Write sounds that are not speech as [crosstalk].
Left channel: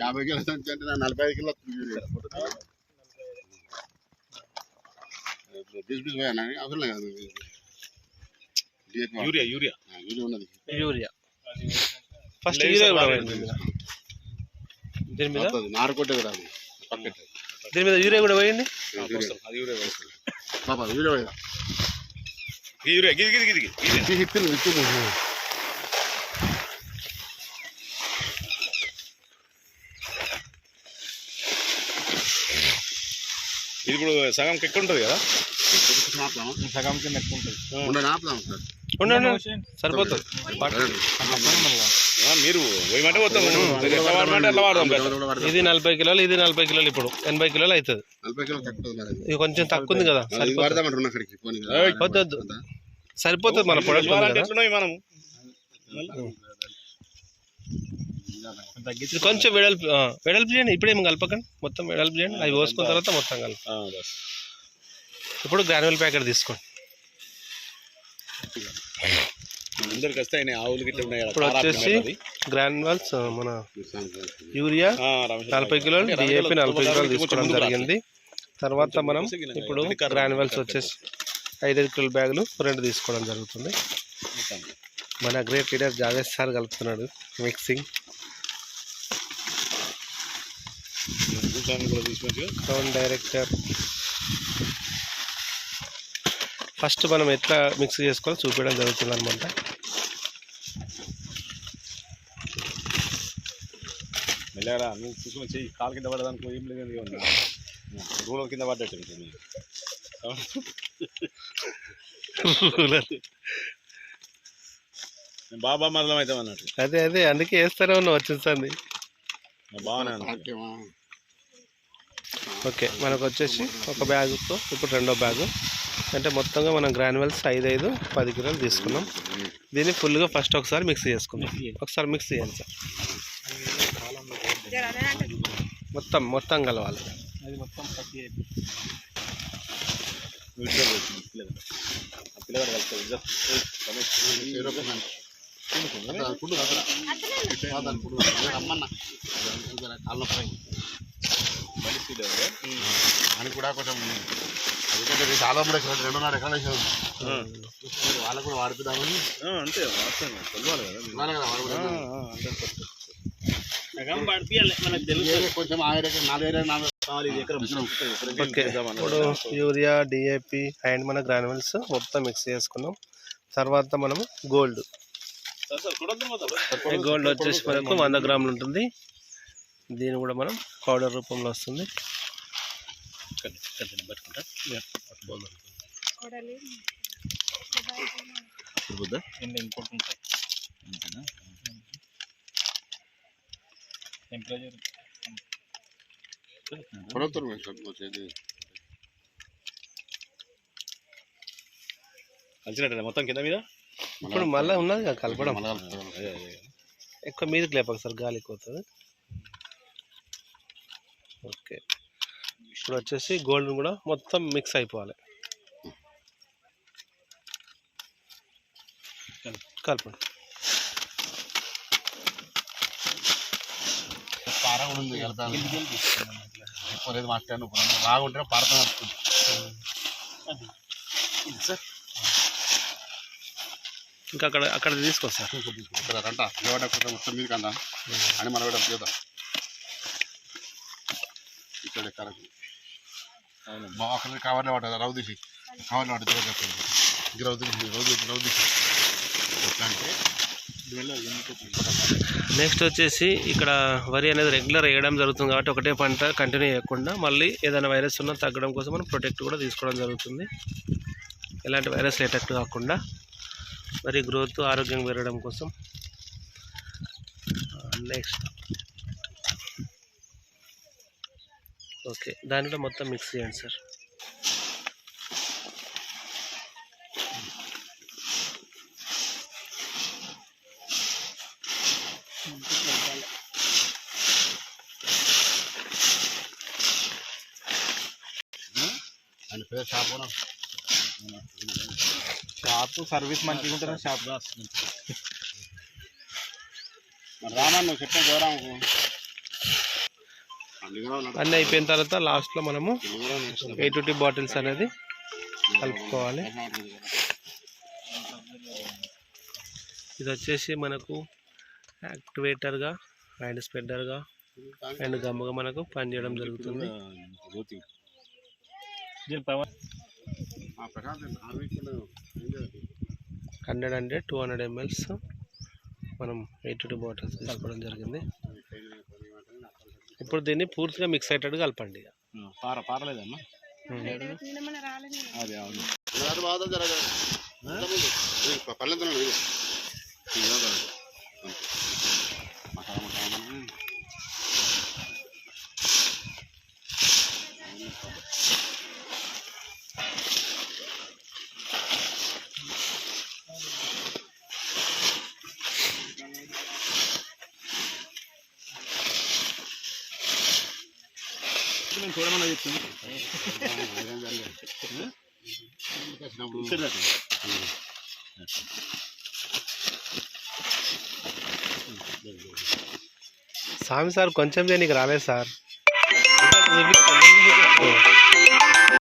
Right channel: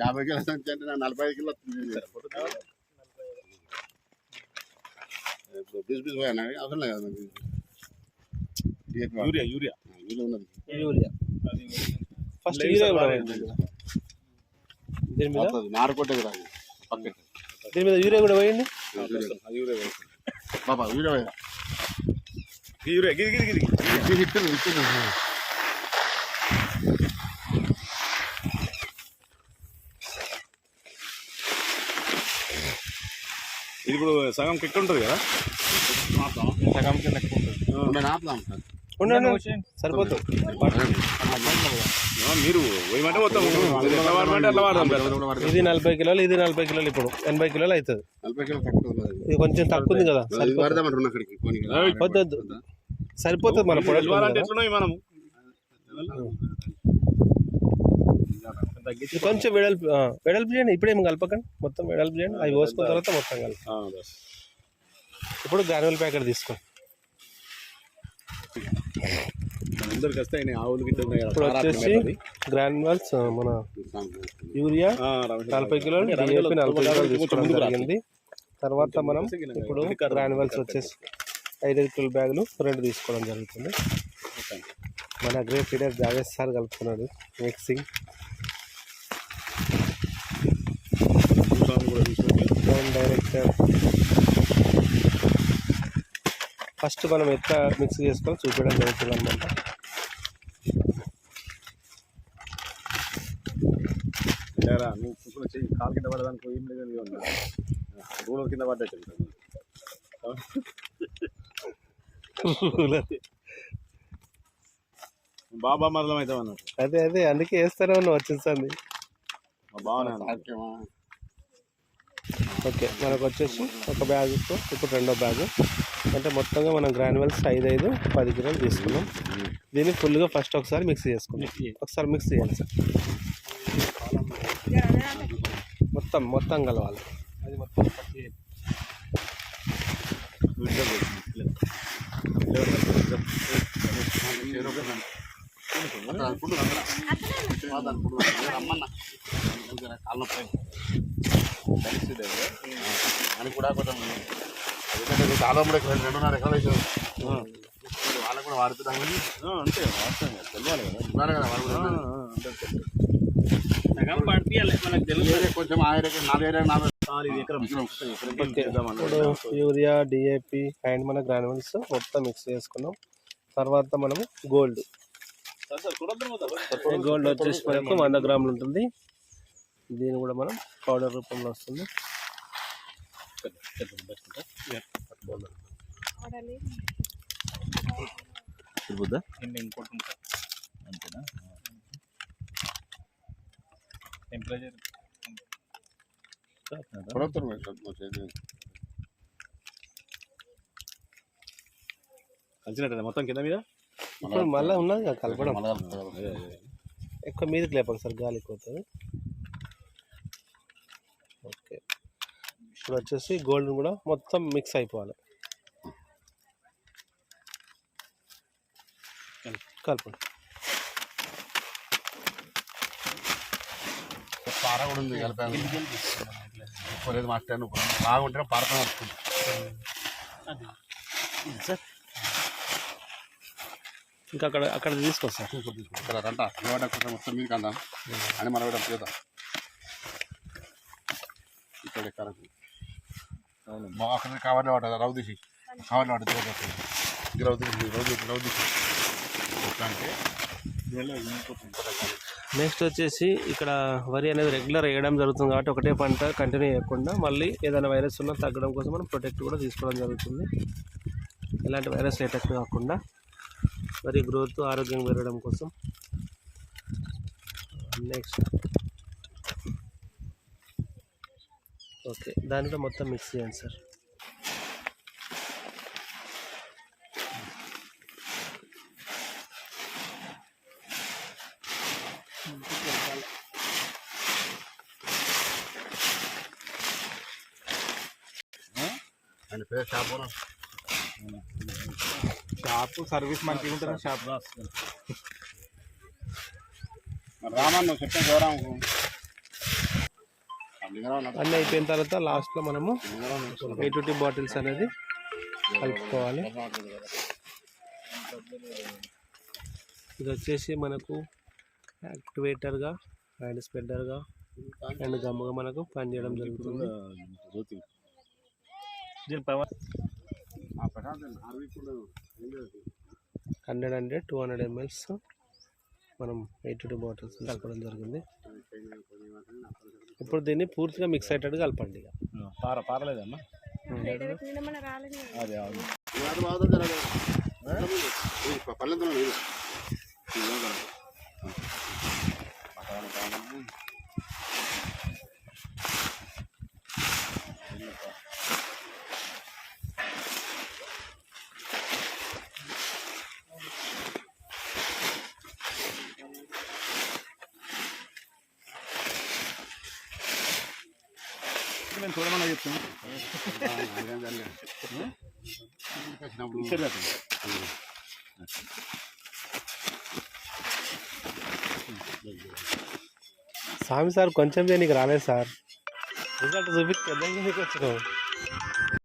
యాభై కిలో సంచి అంటే నాకు నలభై ఐదు కిలో బిస్ బిస్ పోయా నాకు అవసరం లేదు. యూరియా యూరియా యూరియా ఉన్నది యూరియా ఫస్ట్ యూరియా కూడా పోయింది దీని మీద. నారు కొట్టే కదా అది పక్కటి దీని మీద యూరియా కూడా పోయింది. బాబా యూరియా పోయా. ఈ యూరియా గిది గిది గిది గిది. ఇది ఇది ఇప్పుడు సగం కిక్ ఉంటుంది కదా? ఆపుదామా? సగం కింద ఎక్కువ ఉంటుంది. ఉండండి, ఆపుదాం సార్. ఉండండి సరిపోతుంది. మీరు పోయమంటే పోతాం. ఇది నలభై కిలోలు ఇది నలభై కిలోలు ఇప్పుడు. ఎనభై కిలోలు అవుతుంది. ఇది కొంచెం తక్కువ ఉంది కదా. వద్దు, వద్దు. సరిపోతుంది మన ప్రొడక్ట్ ఉంది ఇది కొంచెం వెడల్పు వెడల్పు చేయండి. ఇప్పుడేం కలపకండి. మొత్తం వెడల్పు చేయండి. అవి పోసుకున్న తర్వాత మొత్తం కలప. ఇప్పుడు గ్రాన్యువల్ ప్యాకెట్ తీసుకోండి. అందరికి ఆవులు ఇప్పుడు వచ్చేసి. గ్రాన్యువల్స్ మన. యూరియా నలభై కిలోలు డిఏపి నలభై కిలోలు తీసుకోవడం జరిగింది. తర్వాత మనం ఇప్పుడు గ్రాన్యువల్స్ వచ్చేసి ఐదైదు కిలోల బ్యాగులు రెండు తీసుకోవడం జరుగుతుంది. మన గ్రేట్ లీడర్ జావేద్ సార్ కలుపుతున్నాడు మిక్సింగ్. భూస్వామి కూడా తీసుకొచ్చి గ్రౌండ్ డైరెక్టర్ ఫస్ట్ మనం ఎట్లా మిక్స్ చేసుకోవాలో చూపించడం జరుగుతుంది అనమాట వెళ్ళారా నువ్వు కూర్చొని కాలు కింద పడడానికి ఏం లేదు. రూలర్ కింద పడ్డట్టు. [laughs] నేను బాబా మరణం అవుతాం అన్నట్టు అదే అదే అందుకే వేస్తూనే ఉన్నాం వచ్చేసింది మా బాగానే ఉంది. సాక్ష్యమా? ఓకే మనకు వచ్చేసి ఒక బ్యాగుతో ఇప్పుడు రెండో బ్యాగు. అంటే మొత్తంగా మనం గ్రాన్యువల్స్ ఐదు ఐదు పది కిలోలు తీసుకున్నాం. దీన్ని ఫుల్గా ఫస్ట్ ఒకసారి మిక్స్ చేసుకుందాం. ఒకసారి మిక్స్ చేయాలి సార్. మొత్తం మొత్తం కలవాలి. అది మొత్తం అని కూడా కొంచెం ఎందుకంటే చాలా మంది ఎక్కడ రెండున్నర ఎకరాలు వేసారు. వాళ్ళకు కూడా వాడుతున్నామని. అంతే. ఉన్నారు కదా. వాళ్ళు కూడా కొంచెం నాలుగు నాలుగు. ఓకే. ఇప్పుడు యూరియా డిఏపి అండ్ మన గ్రాన్యువల్స్ మొత్తం మిక్స్ చేసుకున్నాం. తర్వాత మనము గోల్డ్. గోల్డ్ వచ్చేసి మనకు వంద గ్రాములు ఉంటుంది. దీన్ని కూడా మనం పౌడర్ రూపంలో వస్తుంది? అంతేనా? కలిసినట్టేనా మొత్తం కింద మీద? ఇప్పుడు మళ్ళీ ఉన్నది కదా కలపడం. ఎక్కువ మీదకి లేపక సార్ గాలి ఎక్కువ అవుతుంది ఓకే ఇప్పుడు వచ్చేసి గోల్డ్ కూడా మొత్తం మిక్స్ అయిపోవాలి. కలపండి పార కూడా ఉంది ఎక్కువ లేదు మాస్టర్ బాగుంటే పారతో వస్తుంది ఇంకా అక్కడ అక్కడ తీసుకొస్తా. ఇక్కడ రంట కొంచెం మొత్తం మీద కందా అని మనం కూడా చూద్దాం ఇక్కడ కరెక్ట్. బాగా అక్కడ కవర్లో పట్టదు రౌ తీసి కవర్లో పట్టదు ఇది రౌ తీసి రౌ తీసి రౌ తీసి. ఎట్లా అంటే నెక్స్ట్ వచ్చేసి ఇక్కడ వరి అనేది రెగ్యులర్ వేయడం జరుగుతుంది కాబట్టి ఒకటే పంట కంటిన్యూ చేయకుండా మళ్ళీ ఏదైనా వైరస్ ఉన్నా తగ్గడం కోసం మనం ప్రొటెక్ట్ కూడా తీసుకోవడం జరుగుతుంది. ఎలాంటి వైరస్ ఎటెక్ట్ కాకుండా వరి గ్రోత్ ఆరోగ్యం పెరగడం కోసం. Next okay. దాని కూడా మొత్తం మిక్స్ చేయండి సార్. షాప్ సర్వీస్ మంచిగా ఉంటుంది షాప్? రామన్ నువ్వు చెప్పిన గౌరవకు అన్నీ అయిపోయిన తర్వాత లాస్ట్లో మనము ఎయిట్ ఫిఫ్టీ బాటిల్స్ అనేది కలుపుకోవాలి. ఇది వచ్చేసి మనకు యాక్టివేటర్గా అండ్ స్ప్రెడర్గా అండ్ గమ్ముగా మనకు పనిచేయడం జరుగుతుంది. Hundred hundred two hundred MLs మనం ఎయిట్ టూ బాటిల్స్ కలపడం జరిగింది. ఇప్పుడు దీన్ని పూర్తిగా మిక్స్ అయ్యేటట్టు కలపండి ఇక. పార పారలేదమ్మా? అదే అవును. నేను చూడమని ఇచ్చేది స్వామి సార్ కొంచెం దేనికి రాలేదు సార్. ఇంకా చూపించండి.